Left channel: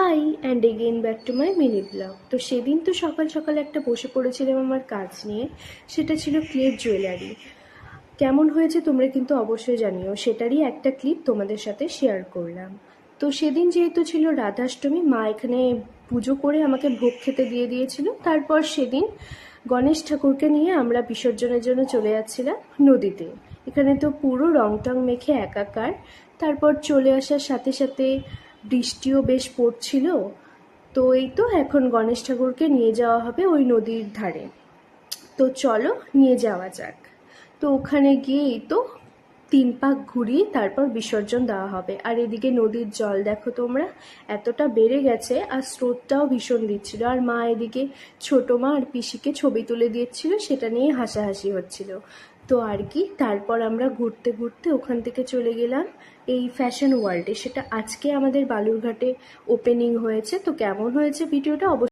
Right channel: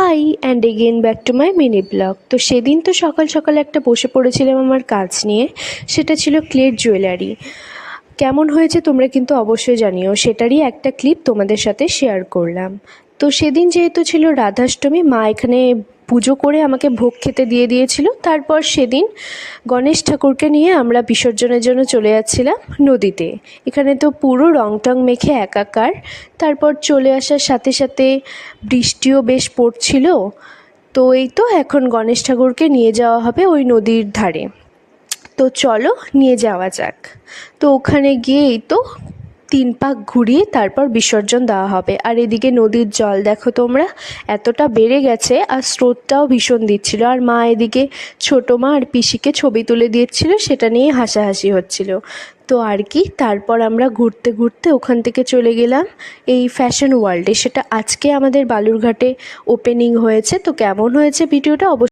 High and again back to my mini blog. তো সেদিন তো সকাল সকাল একটা বসে পড়েছিলাম আমার কাজ নিয়ে, সেটা ছিল ক্লের জুয়েলারি। কেমন হয়েছে তোমরা কিন্তু অবশ্যই জানিও, সেটারই একটা ক্লিপ তোমাদের সাথে শেয়ার করলাম। তো সেদিন যেহেতু ছিল রাধাষ্টমী, মা এখানে পুজো করে আমাকে ভোগ খেতে দিয়ে দিয়েছিল। তারপর সেদিন গণেশ ঠাকুরকে নিয়ে আমরা বিসর্জনের জন্য চলে যাচ্ছিলাম নদীতে। এখানে তো পুরো রং টং মেখে একাকার। তারপর চলে আসার সাথে সাথে বৃষ্টিও বেশ পড়ছিল। তো এই তো এখন গণেশ ঠাকুরকে নিয়ে যাওয়া হবে ওই নদীর ধারে। তো চলো নিয়ে যাওয়া যাক। তো ওখানে গিয়ে এই তো 3 পাক ঘুরিয়ে তারপর বিসর্জন দেওয়া হবে। আর এদিকে নদীর জল দেখো তোমরা, এতটা বেড়ে গেছে, আর স্রোতটাও ভীষণ দিচ্ছিল। আর মা এদিকে ছোটো মা আর পিসিকে ছবি তুলে দিচ্ছিল, সেটা নিয়ে হাসাহাসি হচ্ছিল। তো আর কি, তারপর আমরা ঘুরতে ঘুরতে ওখান থেকে চলে গেলাম এই ফ্যাশন ওয়ার্ল্ডে। সেটা আজকে আমাদের বালুরঘাটে ওপেনিং হয়েছে। তো কেমন হয়েছে ভিডিওটা অবশ্যই